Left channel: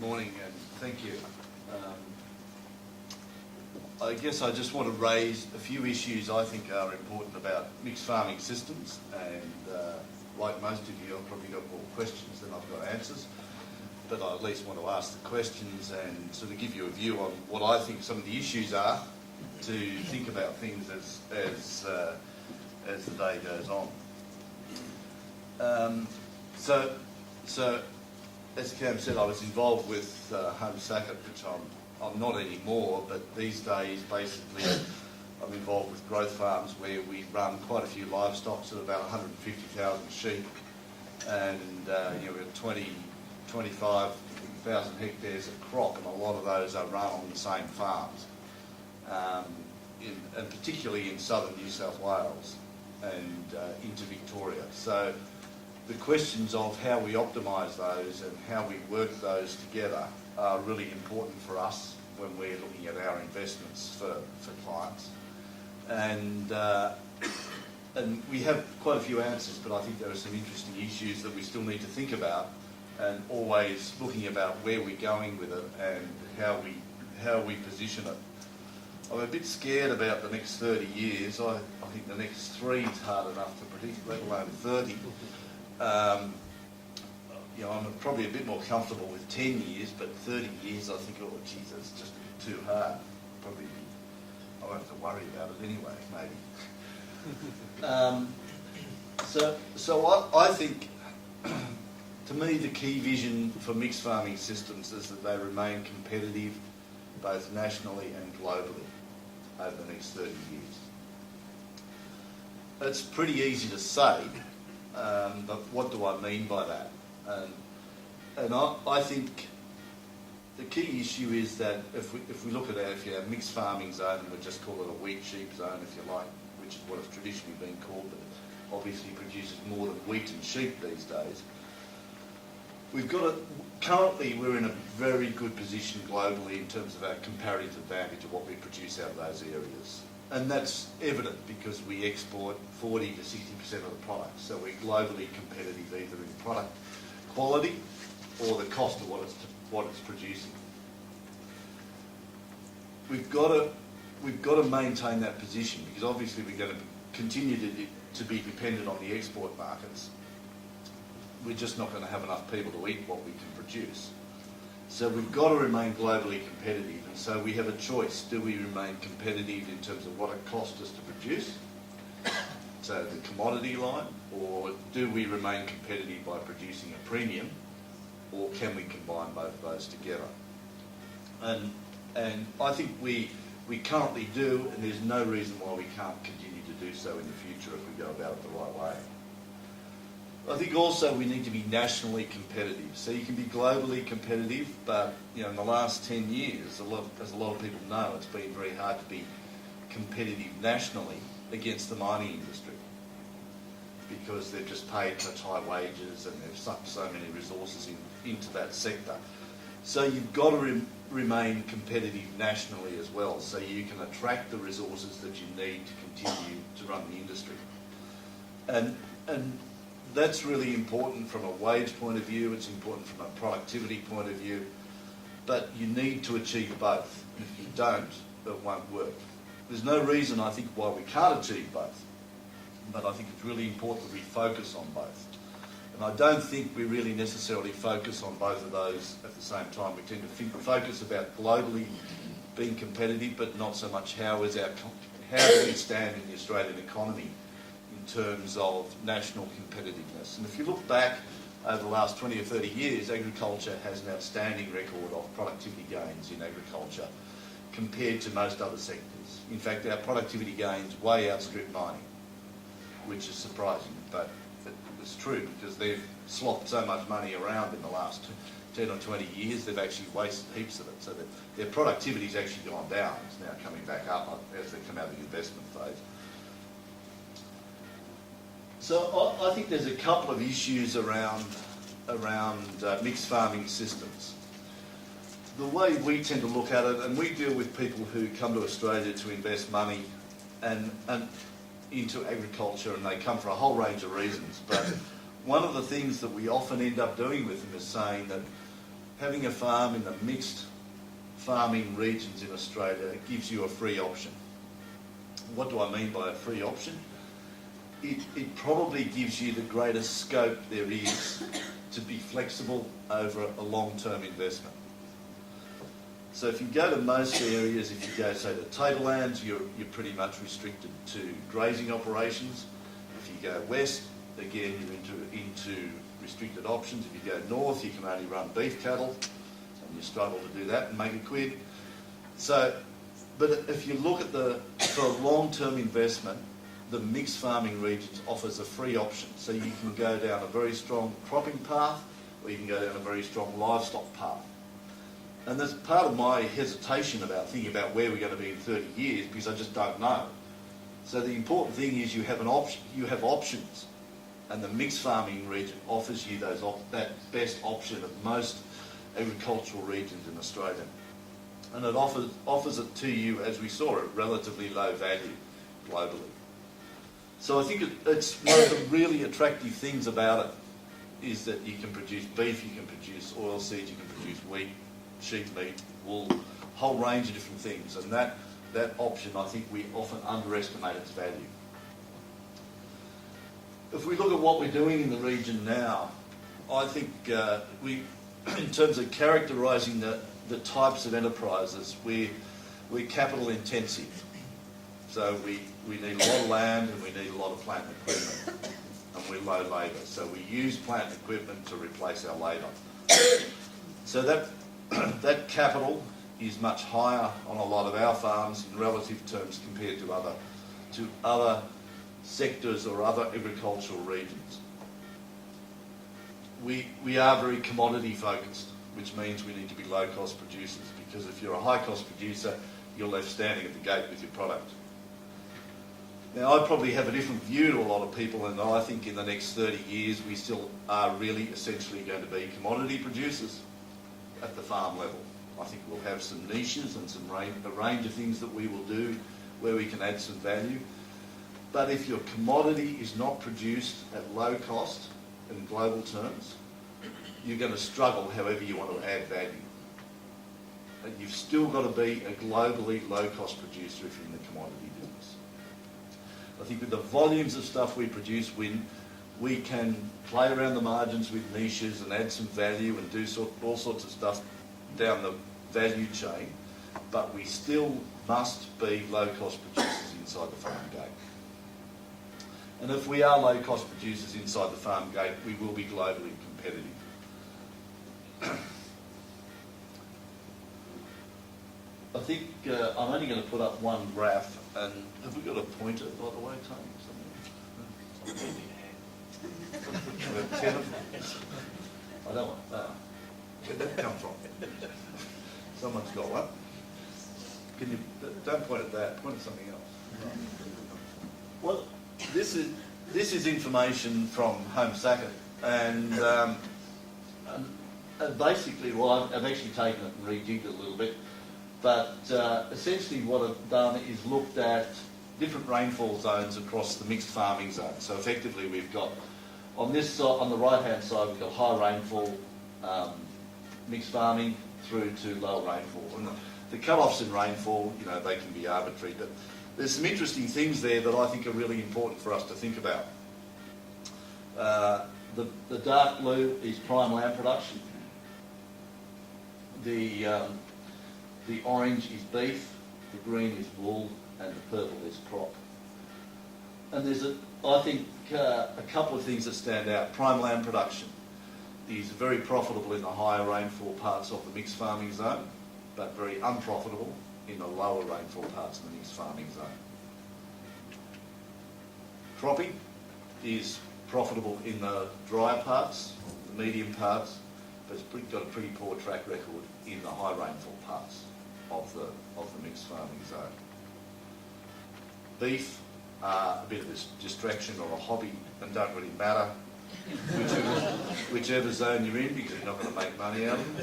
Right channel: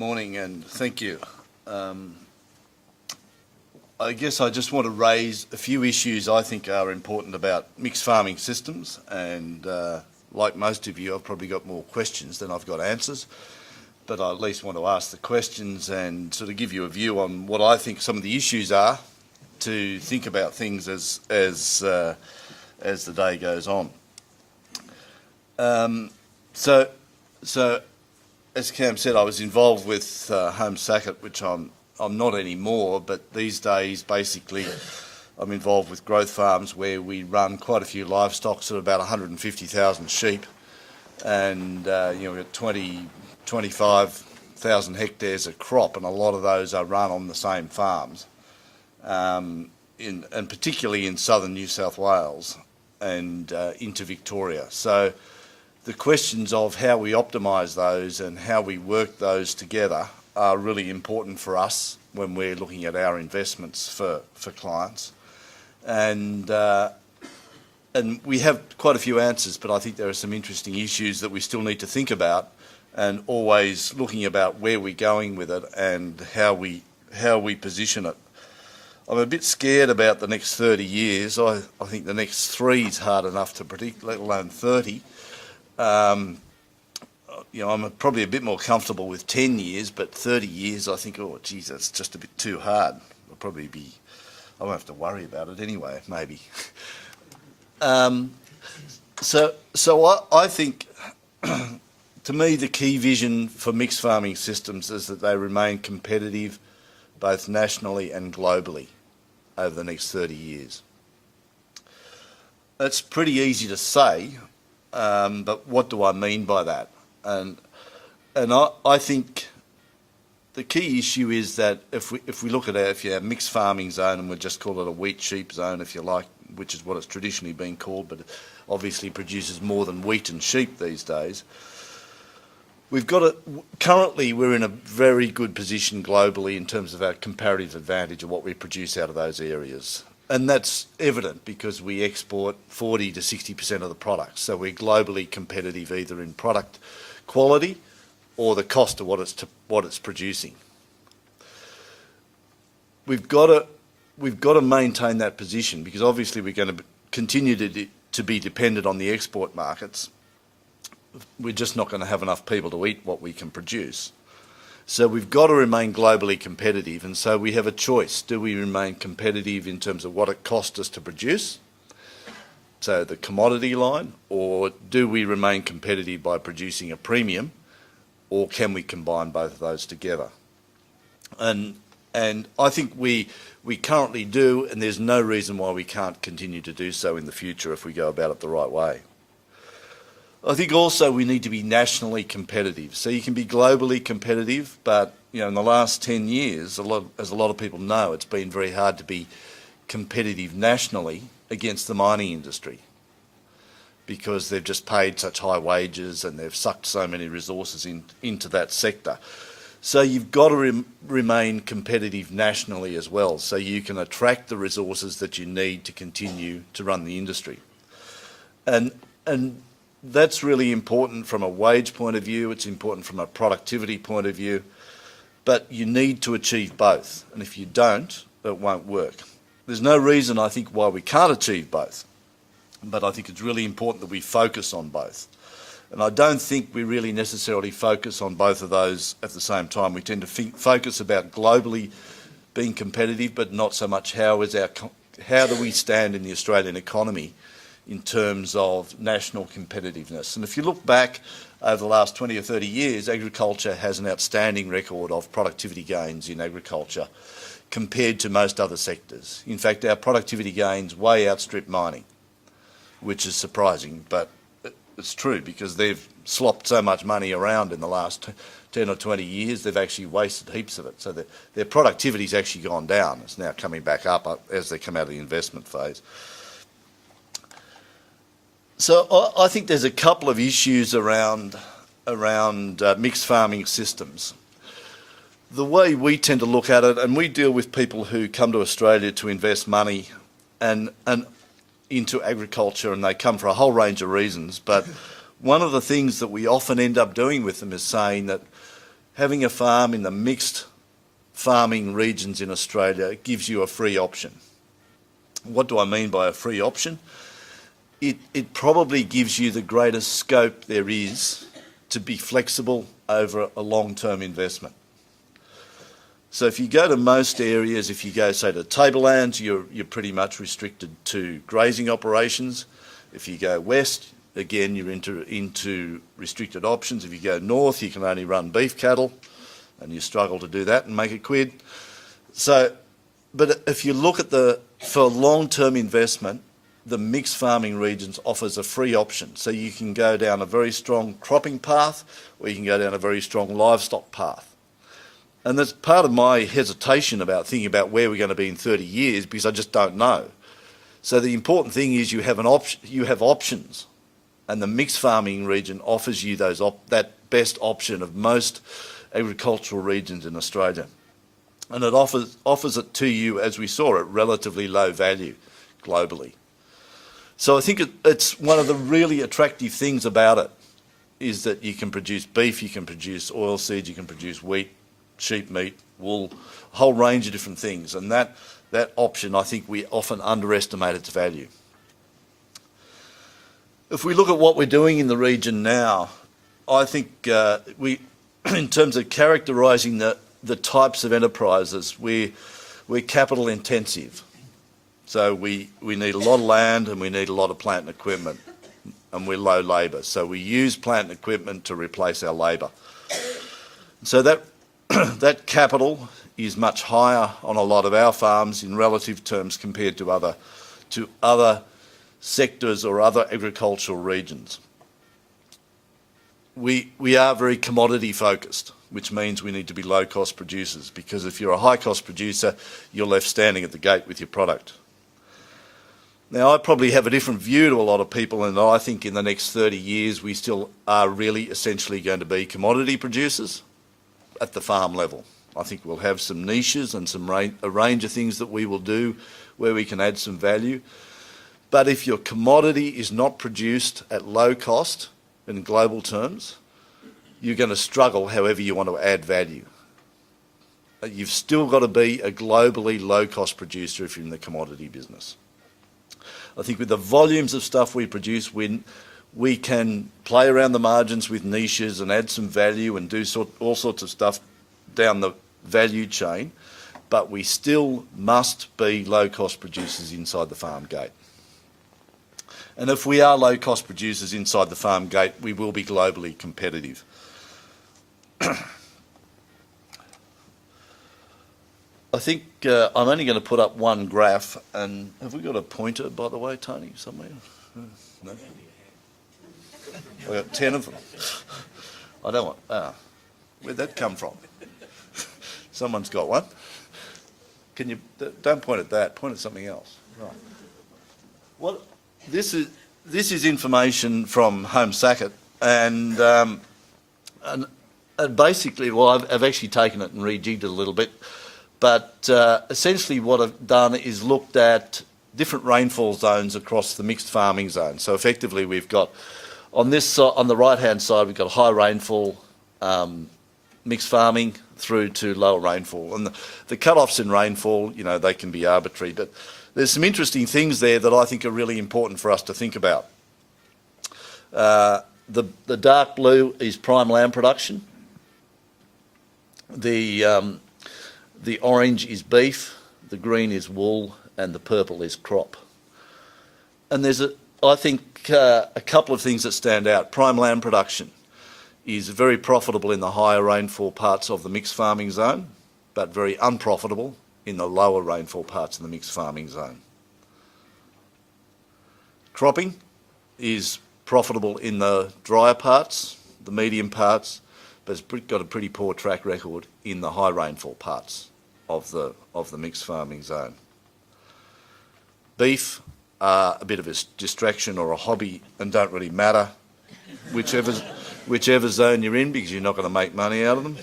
Morning and thank you. I guess I just want to raise a few issues I think are important about mixed farming systems, and like most of you, I've probably got more questions than I've got answers, but I at least want to ask the questions and sort of give you a view on what I think some of the issues are to think about things as the day goes on. So as Cam said, I was involved with Home Sackett, which I'm not anymore, but these days basically I'm involved with growth farms where we run quite a few livestock, sort of about 150,000 sheep, and we've got 25,000 hectares of crop, and a lot of those are run on the same farms, and particularly in southern New South Wales and into Victoria. So the questions of how we optimise those and how we work those together are really important for us when we're looking at our investments for clients. And we have quite a few answers, but I think there are some interesting issues that we still need to think about, and always looking about where we're going with it and how we position it. I'm a bit scared about the next 30 years. I think the next 3 is hard enough to predict, let alone 30. I'm probably a bit more comfortable with 10 years, but 30 years, I think, oh, geez, that's just a bit too hard. I won't have to worry about it anyway, maybe. So I think, to me, the key vision for mixed farming systems is that they remain competitive both nationally and globally over the next 30 years. It's pretty easy to say, but what do I mean by that? And I think the key issue is that if we look at if you have mixed farming zone, and we'll just call it a wheat sheep zone if you like, which is what it's traditionally been called, but it obviously produces more than wheat and sheep these days. Currently we're in a very good position globally in terms of our comparative advantage of what we produce out of those areas. And that's evident because we export 40 to 60% of the product. So we're globally competitive either in product quality or the cost of what it's producing. We've got to maintain that position, because obviously we're going to continue to be dependent on the export markets. We're just not going to have enough people to eat what we can produce. So we've got to remain globally competitive, and so we have a choice. Do we remain competitive in terms of what it costs us to produce, so the commodity line, or do we remain competitive by producing a premium, or can we combine both of those together? And I think we currently do, and there's no reason why we can't continue to do so in the future if we go about it the right way. I think also we need to be nationally competitive. So you can be globally competitive, but in the last 10 years, as a lot of people know, it's been very hard to be competitive nationally against the mining industry, because they've just paid such high wages and they've sucked so many resources into that sector. So you've got to remain competitive nationally as well, so you can attract the resources that you need to continue to run the industry. And that's really important from a wage point of view, it's important from a productivity point of view, but you need to achieve both, and if you don't, it won't work. There's no reason, I think, why we can't achieve both, but I think it's really important that we focus on both. And I don't think we really necessarily focus on both of those at the same time. We tend to focus about globally being competitive, but not so much how do we stand in the Australian economy in terms of national competitiveness. And if you look back over the last 20 or 30 years, agriculture has an outstanding record of productivity gains in agriculture compared to most other sectors. In fact, our productivity gains way outstrip mining, which is surprising, but it's true, because they've slopped so much money around in the last 10 or 20 years, they've actually wasted heaps of it. So that their productivity's actually gone down. It's now coming back up as they come out of the investment phase. So I think there's a couple of issues around mixed farming systems. The way we tend to look at it, and we deal with people who come to Australia to invest money and into agriculture, and they come for a whole range of reasons, but one of the things that we often end up doing with them is saying that, having a farm in the mixed farming regions in Australia gives you a free option. What do I mean by a free option? It probably gives you the greatest scope there is to be flexible over a long-term investment. So if you go to most areas, if you go, say, to tablelands, you're pretty much restricted to grazing operations. If you go west, again, you're into restricted options. If you go north, you can only run beef cattle, and you struggle to do that and make a quid. So, but if you look at for long-term investment, the mixed farming regions offers a free option. So you can go down a very strong cropping path, or you can go down a very strong livestock path. And that's part of my hesitation about thinking about where we're going to be in 30 years, because I just don't know. So the important thing is you have options, and the mixed farming region offers you that best option of most agricultural regions in Australia. And it offers it to you, as we saw, at relatively low value globally. So I think it's one of the really attractive things about it is that you can produce beef, you can produce oilseeds, you can produce wheat, sheep meat, wool, a whole range of different things. And that option, I think we often underestimate its value. If we look at what we're doing in the region now, I think in terms of characterising the types of enterprises, we're capital intensive. So we need a lot of land and we need a lot of plant and equipment, and we're low labour. So we use plant and equipment to replace our labour. So that capital is much higher on a lot of our farms in relative terms compared to other sectors or other agricultural regions. We are very commodity focused, which means we need to be low cost producers, because if you're a high cost producer, you're left standing at the gate with your product. Now, I probably have a different view to a lot of people, and I think in the next 30 years we still are really essentially going to be commodity producers at the farm level. I think we'll have some niches and a range of things that we will do where we can add some value. But if your commodity is not produced at low cost in global terms, you're going to struggle however you want to add value. You've still got to be a globally low-cost producer if you're in the commodity business. I think with the volumes of stuff we produce, we can play around the margins with niches and add some value and do all sorts of stuff down the value chain, but we still must be low-cost producers inside the farm gate. And if we are low-cost producers inside the farm gate, we will be globally competitive. I think I'm only going to put up one graph, and have we got a pointer, by the way, Tony, somewhere? We've got 10 of them. I don't want, where'd that come from? Someone's got one. Can you, don't point at that, point at something else. Right. What, this is information from Home Sackett, and basically, well, I've actually taken it and rejigged it a little bit, but essentially what I've done is looked at different rainfall zones across the mixed farming zone. So effectively we've got, on this side, on the right-hand side, we've got high rainfall mixed farming through to lower rainfall. And the cut-offs in rainfall, you know, they can be arbitrary, but there's some interesting things there that I think are really important for us to think about. The dark blue is prime lamb production. The orange is beef, the green is wool, and the purple is crop. And there's, I think, a couple of things that stand out. Prime lamb production is very profitable in the higher rainfall parts of the mixed farming zone, but very unprofitable in the lower rainfall parts of the mixed farming zone. Cropping is profitable in the drier parts, the medium parts, but it's got a pretty poor track record in the high rainfall parts of the mixed farming zone. Beef are a bit of a distraction or a hobby and don't really matter whichever zone you're in, because you're not going to make money out of them.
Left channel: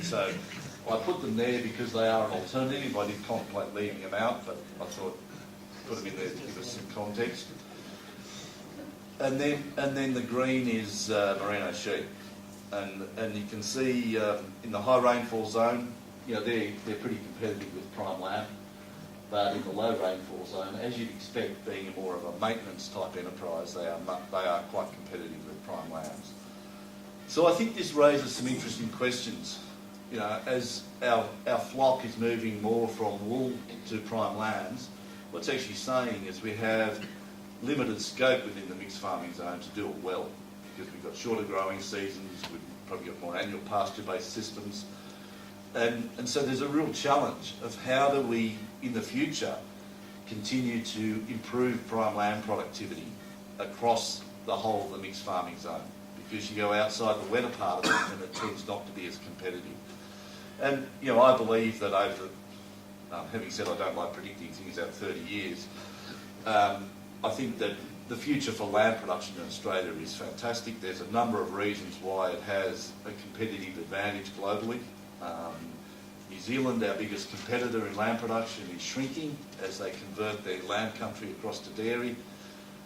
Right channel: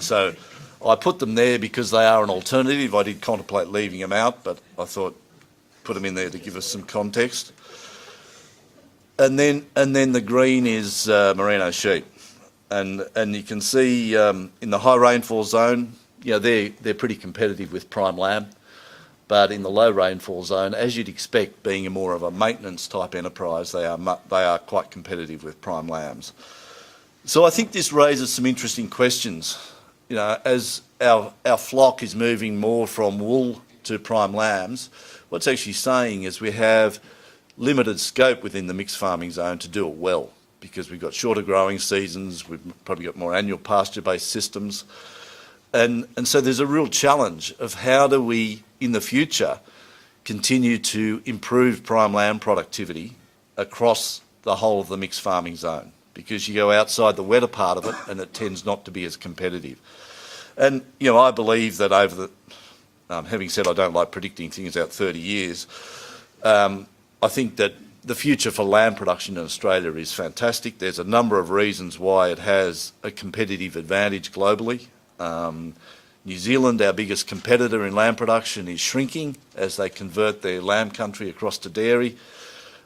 So I put them there because they are an alternative. I did contemplate leaving them out, but I thought put them in there to give us some context. And then the green is merino sheep. And you can see in the high rainfall zone, they're pretty competitive with prime lamb. But in the low rainfall zone, as you'd expect, being more of a maintenance type enterprise, they are quite competitive with prime lambs. So I think this raises some interesting questions. As our flock is moving more from wool to prime lambs, what's actually saying is we have limited scope within the mixed farming zone to do it well, because we've got shorter growing seasons, we've probably got more annual pasture-based systems. And so there's a real challenge of how do we, in the future, continue to improve prime lamb productivity across the whole of the mixed farming zone, because you go outside the wetter part of it and it tends not to be as competitive. And, I believe that having said I don't like predicting things out 30 years, I think that the future for lamb production in Australia is fantastic. There's a number of reasons why it has a competitive advantage globally. New Zealand, our biggest competitor in lamb production, is shrinking as they convert their lamb country across to dairy.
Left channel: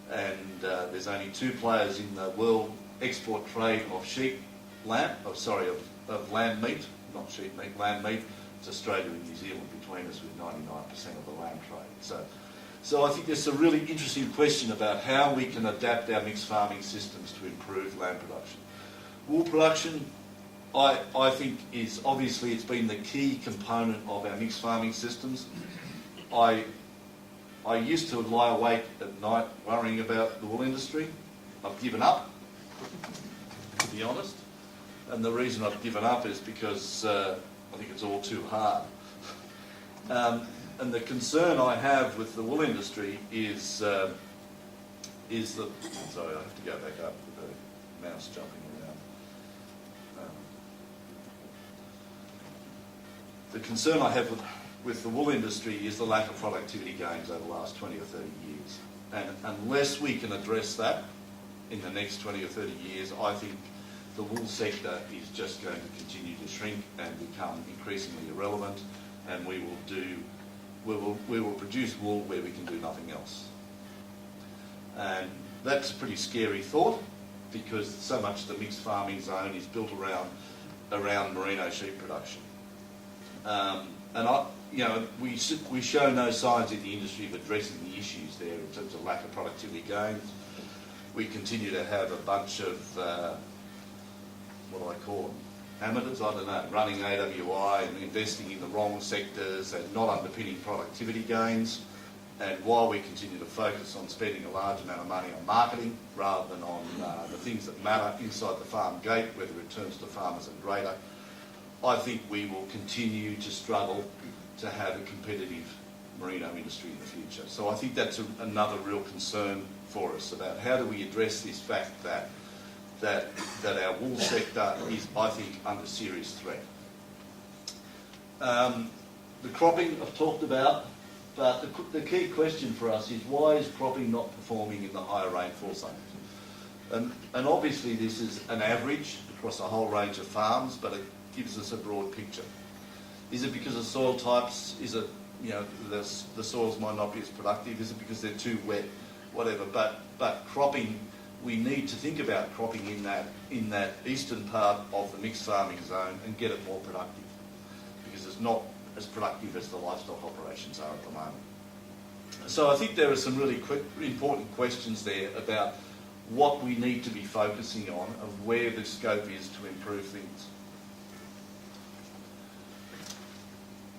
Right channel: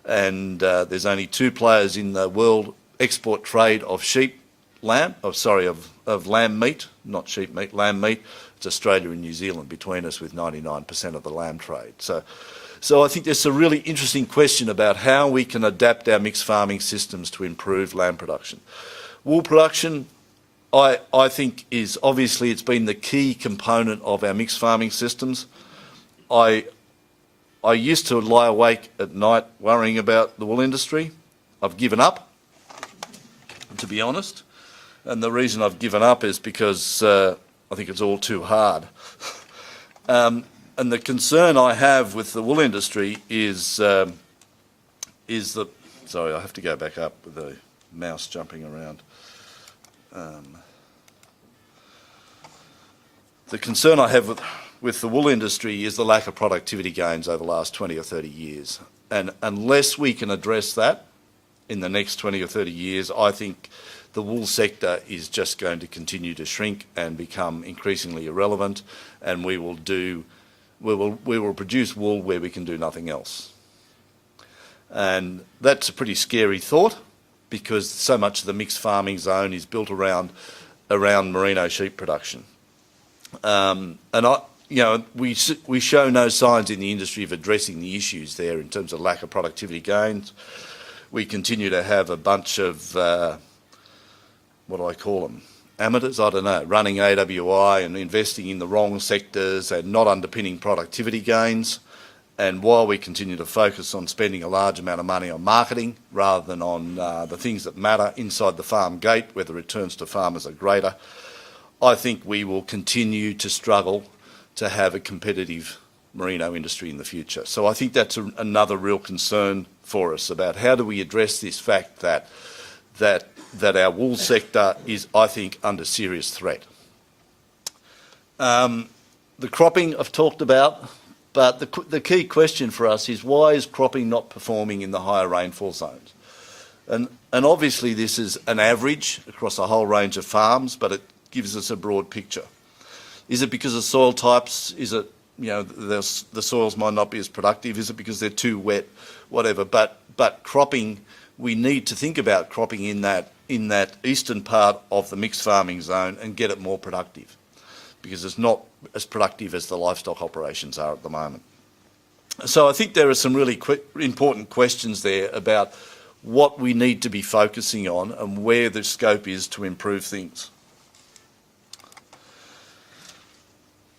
And there's only two players in the world export trade of of lamb meat, not sheep meat, lamb meat. It's Australia and New Zealand between us, with 99% of the lamb trade. So I think there's a really interesting question about how we can adapt our mixed farming systems to improve lamb production. Wool production, I think, is obviously, it's been the key component of our mixed farming systems. I used to lie awake at night worrying about the wool industry. I've given up, to be honest. And the reason I've given up is because I think it's all too hard. And the concern I have with the wool industry is that, sorry, I have to go back up with the mouse jumping around. The concern I have with the wool industry is the lack of productivity gains over the last 20 or 30 years. And unless we can address that in the next 20 or 30 years, I think the wool sector is just going to continue to shrink and become increasingly irrelevant, and we will produce wool where we can do nothing else. And that's a pretty scary thought, because so much of the mixed farming zone is built around merino sheep production. We show no signs in the industry of addressing the issues there in terms of lack of productivity gains. We continue to have a bunch of, what do I call them, amateurs, I don't know, running AWI and investing in the wrong sectors and not underpinning productivity gains. And while we continue to focus on spending a large amount of money on marketing rather than on the things that matter inside the farm gate, where the returns to farmers are greater, I think we will continue to struggle to have a competitive merino industry in the future. So I think that's another real concern for us, about how do we address this fact that our wool sector is, I think, under serious threat. The cropping I've talked about, but the key question for us is, why is cropping not performing in the higher rainfall zones? And obviously this is an average across a whole range of farms, but it gives us a broad picture. Is it because of soil types? Is it, the soils might not be as productive? Is it because they're too wet? Whatever. But cropping, we need to think about cropping in that eastern part of the mixed farming zone and get it more productive, because it's not as productive as the livestock operations are at the moment. So I think there are some really important questions there about what we need to be focusing on and where the scope is to improve things.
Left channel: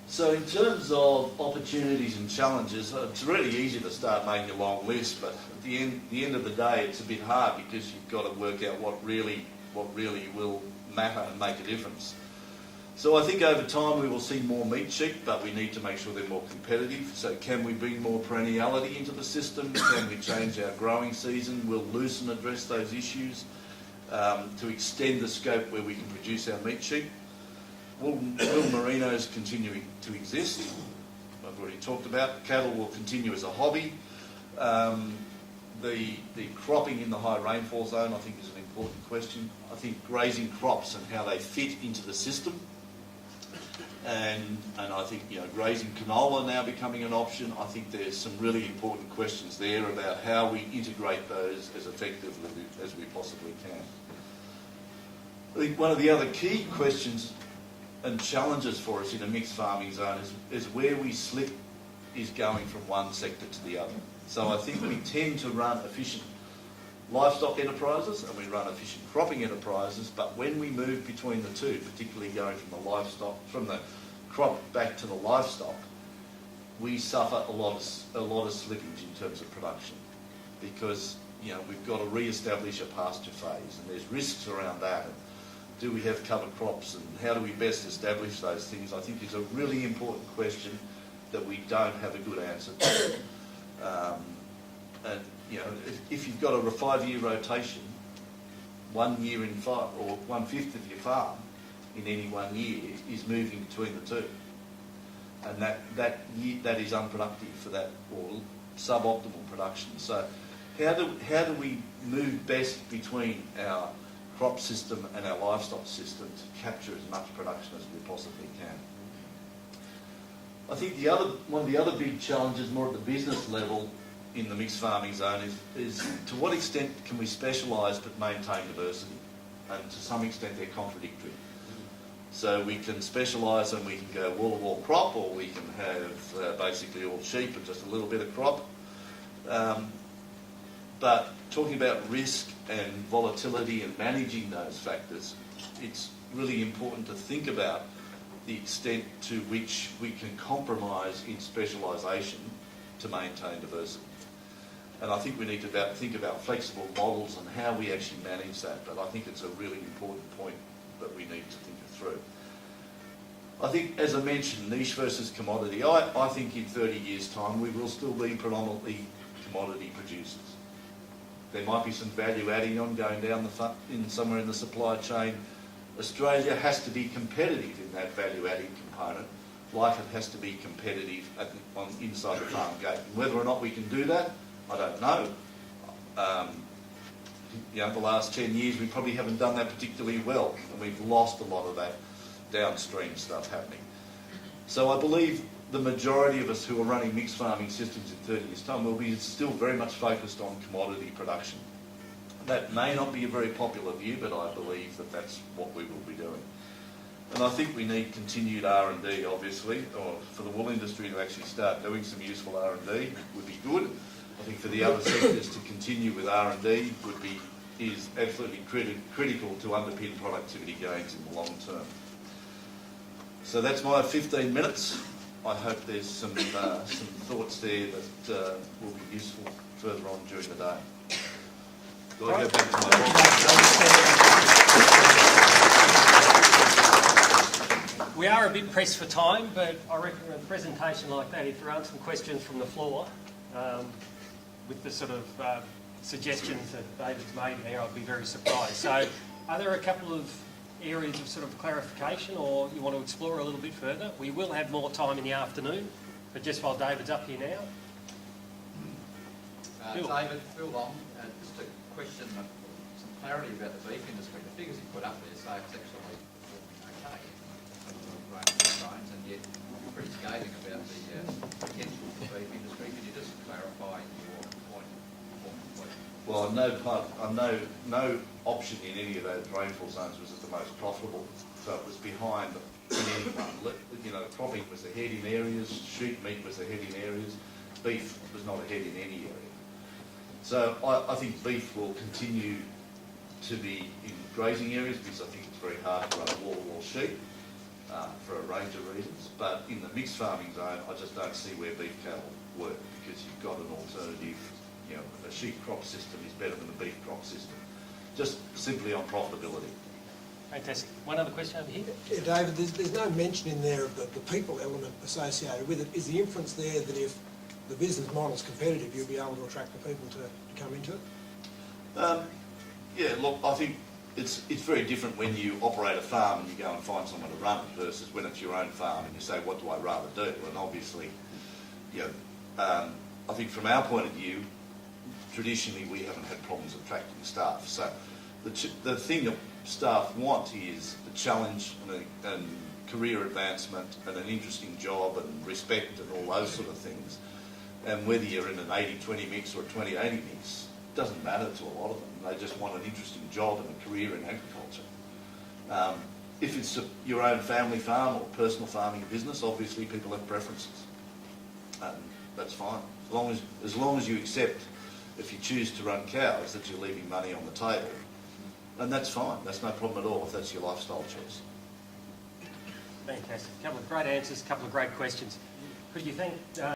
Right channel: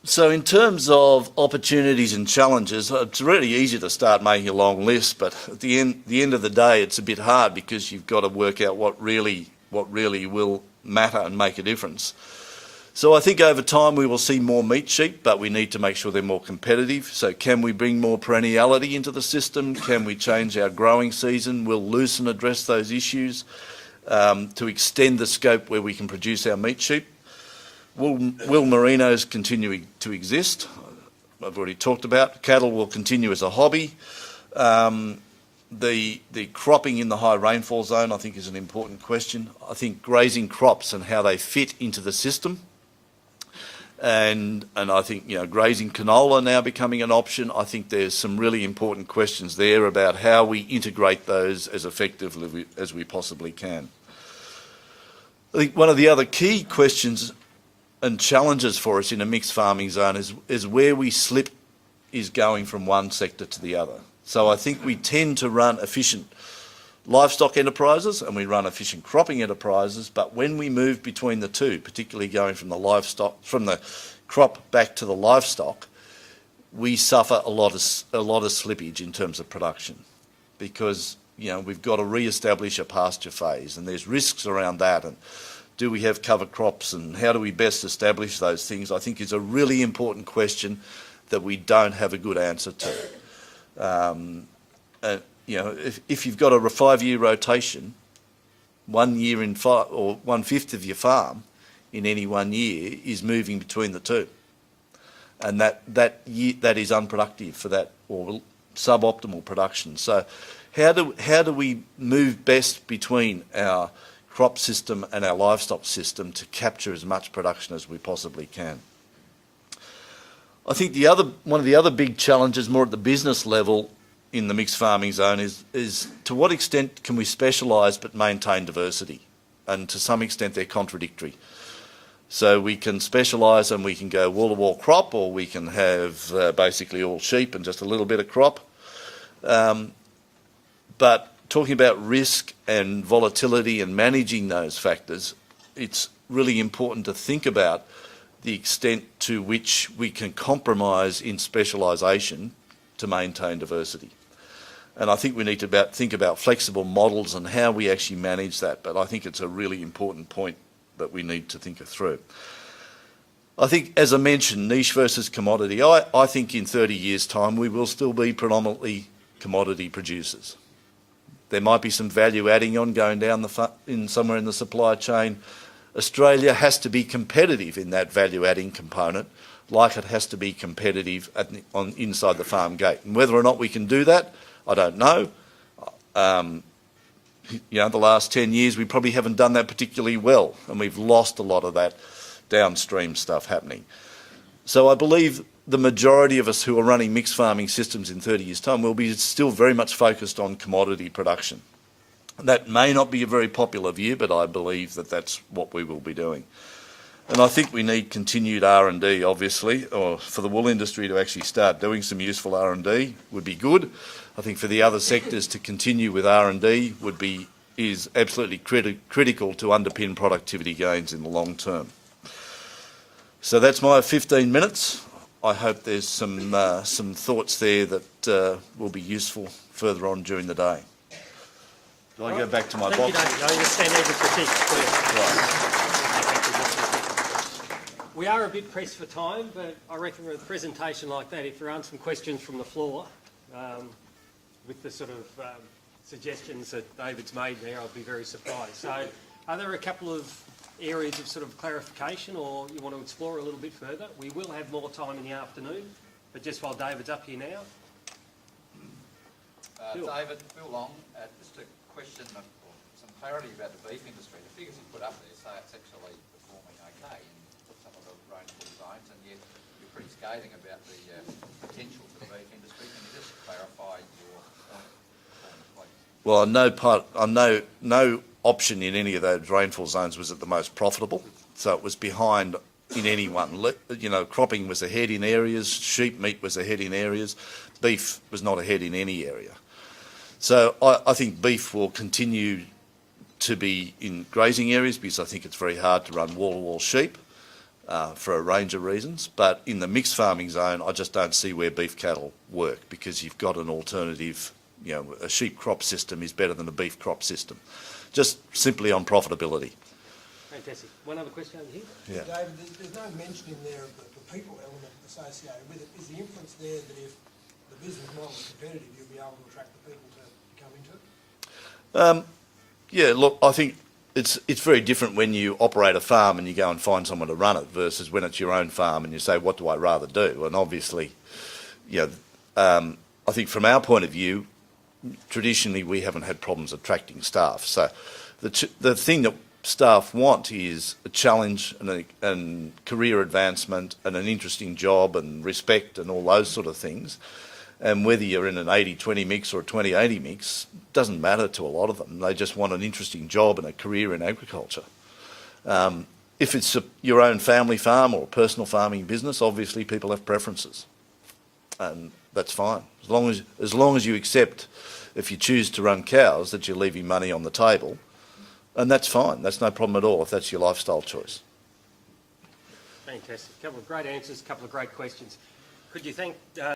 So in terms of opportunities and challenges, it's really easy to start making a long list, but at the end of the day, it's a bit hard, because you've got to work out what really will matter and make a difference. So I think over time we will see more meat sheep, but we need to make sure they're more competitive. So can we bring more perenniality into the system? Can we change our growing season? Will Lucerne address those issues to extend the scope where we can produce our meat sheep? Will merinos continue to exist? I've already talked about. Cattle will continue as a hobby. The cropping in the high rainfall zone, I think, is an important question. I think grazing crops and how they fit into the system. And I think, grazing canola now becoming an option. I think there's some really important questions there about how we integrate those as effectively as we possibly can. I think one of the other key questions and challenges for us in a mixed farming zone is where we slip is going from one sector to the other. So I think we tend to run efficient livestock enterprises and we run efficient cropping enterprises, but when we move between the two, particularly going from the crop back to the livestock, we suffer a lot of slippage in terms of production, because we've got to re-establish a pasture phase, and there's risks around that. And do we have cover crops, and how do we best establish those things? I think is a really important question that we don't have a good answer to. If you've got a 5-year rotation, 1 year in 5 or 1/5 of your farm in any 1 year is moving between the two, and that is unproductive for that, or suboptimal production. So how do we move best between our crop system and our livestock system to capture as much production as we possibly can? I think one of the other big challenges, more at the business level in the mixed farming zone, is to what extent can we specialise but maintain diversity? And to some extent they're contradictory. So we can specialise and we can go wall-to-wall crop, or we can have basically all sheep and just a little bit of crop. But talking about risk and volatility and managing those factors, it's really important to think about the extent to which we can compromise in specialisation to maintain diversity. And I think we need to think about flexible models and how we actually manage that, but I think it's a really important point that we need to think through. I think, as I mentioned, niche versus commodity. I think in 30 years' time we will still be predominantly commodity producers. There might be some value adding on going down somewhere in the supply chain. Australia has to be competitive in that value adding component, like it has to be competitive inside the farm gate. And whether or not we can do that, I don't know. The last 10 years we probably haven't done that particularly well, and we've lost a lot of that downstream stuff happening. So I believe the majority of us who are running mixed farming systems in 30 years' time will be still very much focused on commodity production. That may not be a very popular view, but I believe that that's what we will be doing. And I think we need continued R&D, obviously, or for the wool industry to actually start doing some useful R&D would be good. I think for the other sectors to continue with R&D is absolutely critical to underpin productivity gains in the long term. So that's my 15 minutes. I hope there's some thoughts there that will be useful further on during the day. Do I go back to my box? We are a bit pressed for time, but I reckon with a presentation like that, if there aren't some questions from the floor, with the sort of suggestions that David's made there, I'd be very surprised. So are there a couple of areas of sort of clarification, or you want to explore a little bit further? We will have more time in the afternoon, but just while David's up here now. David, Phil Long, just a question, some clarity about the beef industry. The figures you put up there say it's actually performing okay in terms of rainfall rains, and yet pretty scathing about the potential for the beef industry. Can you just clarify your point? Well, no option in any of those rainfall zones was at the most profitable, so it was behind in any one. Cropping was ahead in areas, sheep meat was ahead in areas, beef was not ahead in any area. So I think beef will continue to be in grazing areas, because I think it's very hard to run wall-to-wall sheep for a range of reasons. But in the mixed farming zone, I just don't see where beef cattle work, because you've got an alternative. A sheep crop system is better than a beef crop system, just simply on profitability. Fantastic. One other question over here. Yeah, David, there's no mention in there of the people element associated with it. Is the inference there that if the business model's competitive, you'll be able to attract the people to come into it? Yeah, look, I think it's very different when you operate a farm and you go and find someone to run it versus when it's your own farm and you say, what do I rather do? And obviously, I think from our point of view, traditionally we haven't had problems attracting staff. So the thing that staff want is a challenge and career advancement and an interesting job and respect and all those sort of things. And whether you're in an 80-20 mix or a 20-80 mix doesn't matter to a lot of them. They just want an interesting job and a career in agriculture. If it's your own family farm or personal farming business, obviously people have preferences, and that's fine. As long as you accept, if you choose to run cows, that you're leaving money on the table, and that's fine. That's no problem at all if that's your lifestyle choice. Fantastic. A couple of great answers, a couple of great questions. Could you thank